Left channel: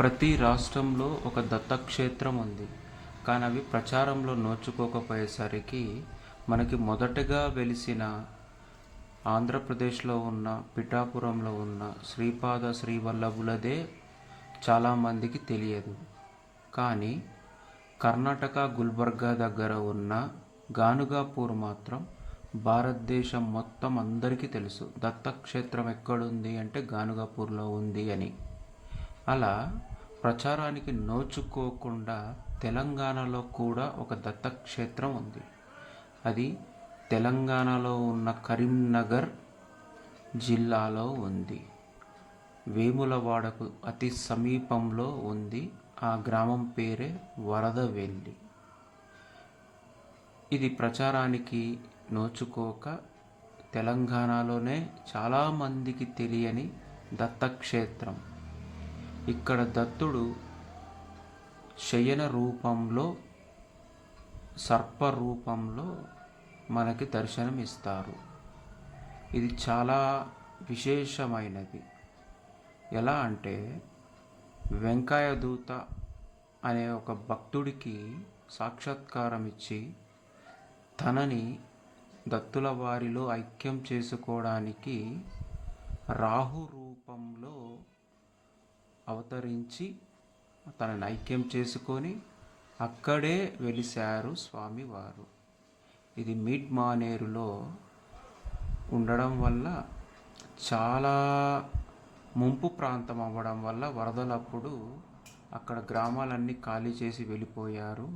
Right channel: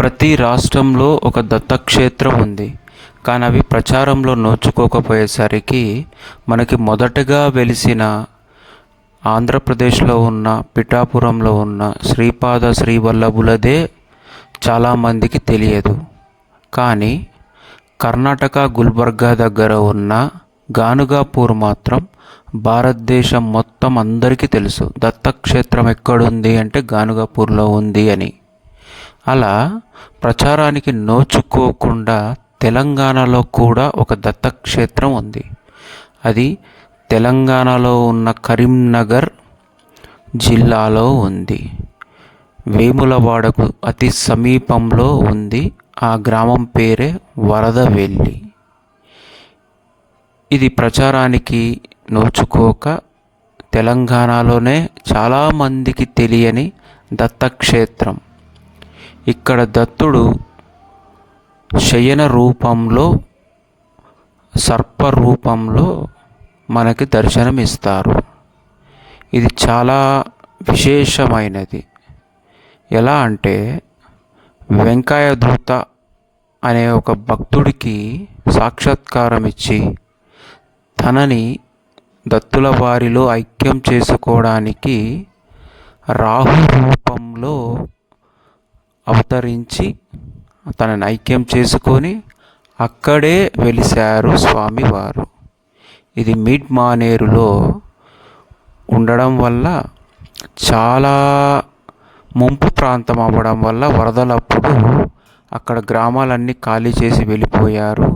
ప్రతి రాష్ట్రంలో ఒక దత్తక్షేత్రం ఉంది. కానీ అవి ప్రచారంలో నోచుకోకపోయేసరికి మనకి మొదటగా వెలిసిన ఆంధ్రప్రదేశ్లో ఉన్న పిఠాపురంలో ఉన్న శ్రీపాద శ్రీవల్లభులదే చాలామందికి తెలియదు. కానీ కర్ణాటక గుల్బర్గా దగ్గర ఉన్న గానుగాపూర్ మాత్రం భారతదేశం మొత్తం అందరికీ తెలుసు. దత్తక్షేత్రం ఎక్కడుంది అంటే గానుగాపూర్లో ఉంది అని. అలా ప్రచారానికి నోచుకోకుండా తెలంగాణలో కూడా ఒక దత్తక్షేత్రం ఉంది. అది తెలంగాణలో ఉన్న కరీంనగర్ జిల్లాలో ఉంది. వేములవాడకు అతి సమీపంలో ఉంది. ఆ గ్రామం పేరే వరదవెల్లి. ఇది ప్రచారానికి నోచుకోక తెలంగాణలోనే చాలామందికి తెలియని దత్తక్షేత్రం. ఇక్కడ దత్తుడు శయన రూపంలో, సర్ప రూపంలో మనకి దర్శనమిస్తారు. ఇది చాలా విశేషమైనది. ఎలా అంటే వెంకయ్యదూత అనే ఒక భక్తుడికి సాక్షాత్కారం ఇచ్చి తనని దత్తుల వారిలో ఐక్యం చేసుకోవడానికి రాహు రూపంలో అవతరించి తనని ఐక్యం చేసుకొని అక్కడే వెలిశారు స్వామివారు. ఇది మిడ్ మానేరులో ఉండడం వల్ల చాలా ముంపు ప్రాంతం అవ్వడం వల్ల వరదలప్పుడు అక్కడ గ్రామాలన్నీ ఖాళీ చేసి వెళ్ళిపోయారు.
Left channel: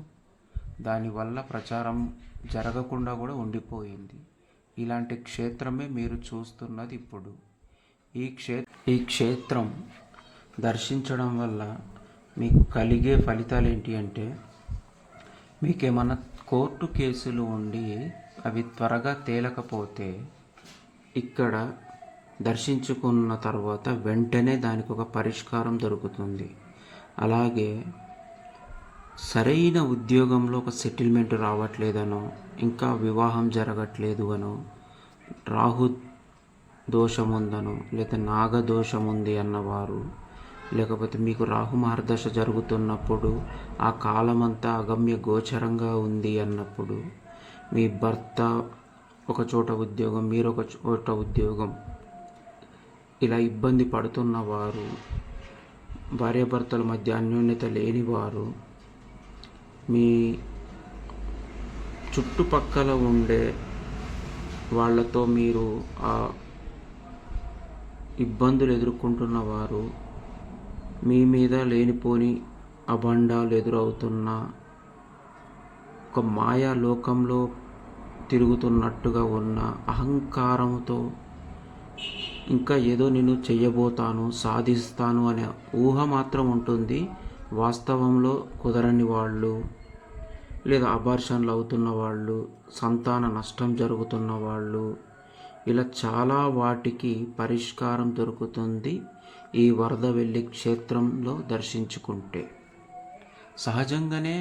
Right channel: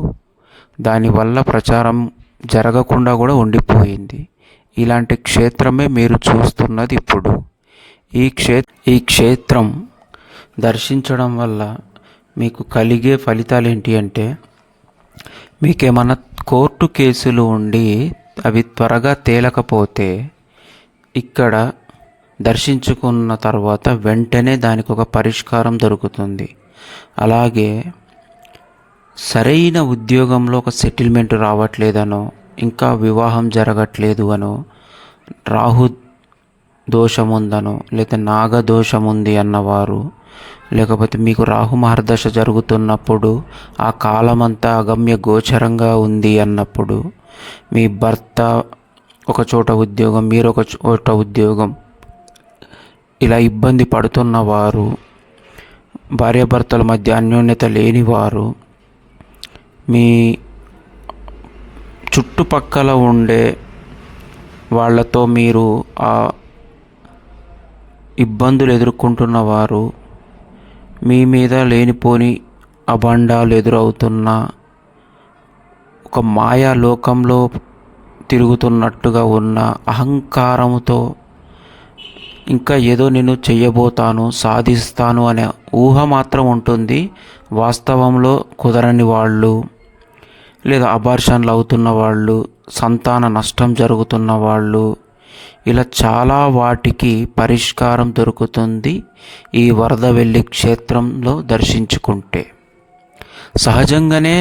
దానివల్ల ప్రచారం జరగకుండా కూడా ఉండిపోయింది. ఇలాంటి క్షేత్రమే మీరు చూస్తున్నది ఇప్పుడు. ఈ క్షేత్రం దర్శించడం వల్ల మీకు కలిగే ఫలితాలు ఏంటి అంటే, మీకేమన్నా కోర్టు కేసులు ఉండి అవి త్వరగా తేలకపోతే ఇక్కడ దర్శించుకున్న తర్వాత వెంటనే దానికి ఒక పరిష్కారం దొరుకుతుంది. అలాగే సరైన ఉద్యోగంలో ఒక సెటిల్మెంట్ రావట్లేదనో, ఇంకా వివాహం జరగట్లేదు అనో, రాహు దోషం ఉందనో, లేదా నాగదోషం ఉంది అన్నవారు, లేకపోతే మీకు రాహు మహర్దశ జరుగుతున్నప్పుడు ఆ కాలమంతా అగమ్య గోచరంగా ఉంది అన్నప్పుడు, మీ భర్త ఒక చోట ఉద్యోగం, మీరు ఒక చోట ఉద్యోగం, ఇలా ఇబ్బంది పడుతున్నవారు, భార్యాభర్తల మధ్య అన్యోన్యత లేనివారు, మీ చుట్టుపక్కల ఉండే వాళ్ళతో మీరు ఆ ఇబ్బందులు ఎదుర్కొంటున్నవారు, మీ మీద లేనిపోని అభండాలు ఎదురవుతున్న, ఒక మాయా లోకంలో తిరుగుతున్నట్టుగా ఉన్న అహంకారంతో, ఇంకా ఏదో నేను చెయ్యబోతాను, సాధిస్తాను అనే ఊహ మాత్రం ఉంటుంది. వాస్తవంలో కుదరని వాళ్ళు, లేదా అబార్షన్లు అవుతున్న వాళ్ళు, సంతాన నష్టం జరుగుతున్న వాళ్ళు, ఇలా చాలా వాటికి పరిష్కారం దొరుకుతుంది ఈ వరదవెల్లి క్షేత్రంలో దర్శించుకుంటే. సహజంగానే